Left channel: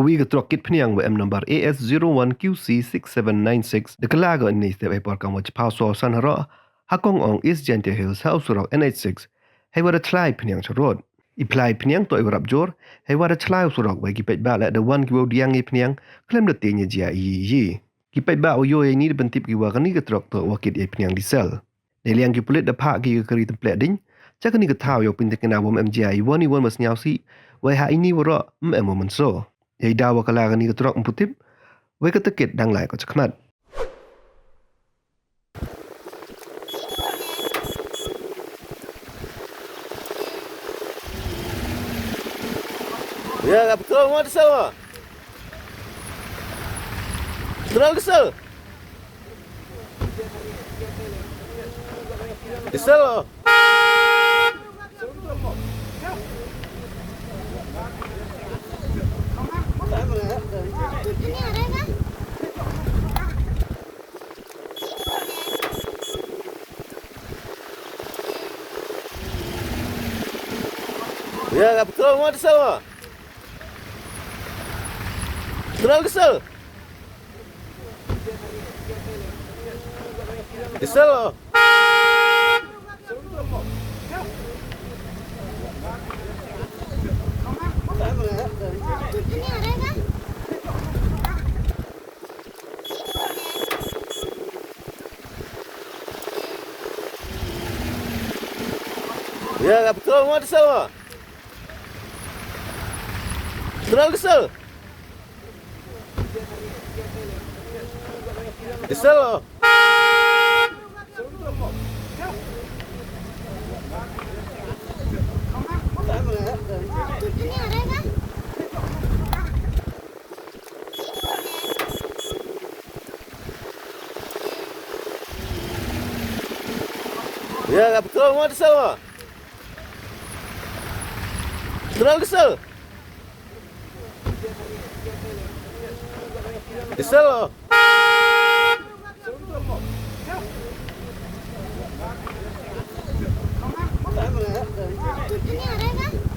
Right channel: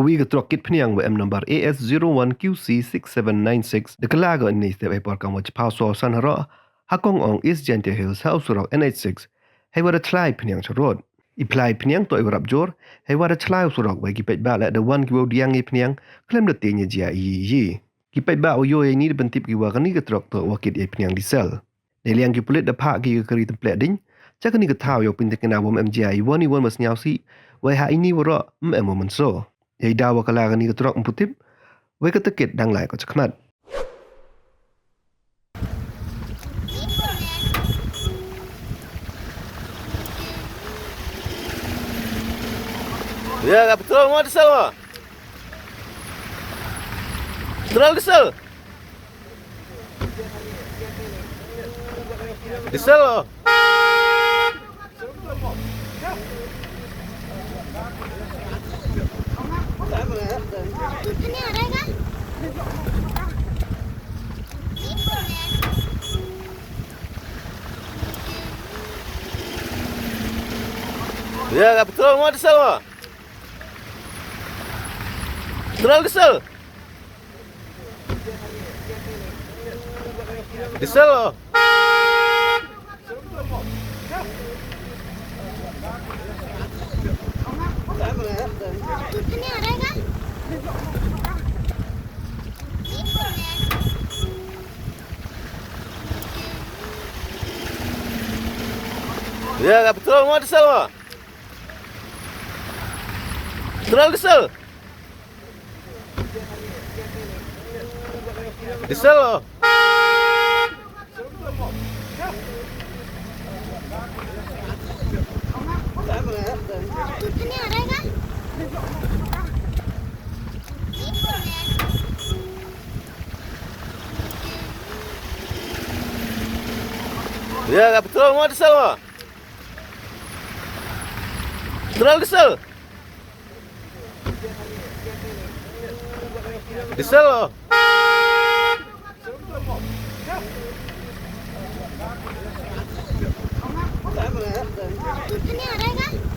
Kawi ke trokit pniang WM number AS01QC6796 dekalaga ni step epor kamu paso san haro hakong ong East Gentle Hills House Rock NH6 hay wara tlai pniang charod iplai pniang to iwarap jor hay wara tlai surok bagi pet ba la the one kiwo diang i pniang klem de tenya jia yi ki pet ba yo ni de bentip ki wa kani ke trok to wakit i pniang diesel neliang ki pulit da pha ki kari template ding cakani ke thaw yo pin tekena bom MGI woni won mas nyau si wai ha ini wara mo manso yai dawa kala ni ke trok emputip wai ke tekit dang lai ko chakmat Ya, betul mau desal mah. Terlalu desal. Desal loh. Ya, betul mau desal mah. Terlalu desal. Desal loh. Ya, betul mau desal mah. Terlalu desal. Desal loh. Ya, betul mau desal mah. Terlalu desal. Desal loh. Ini ada kan?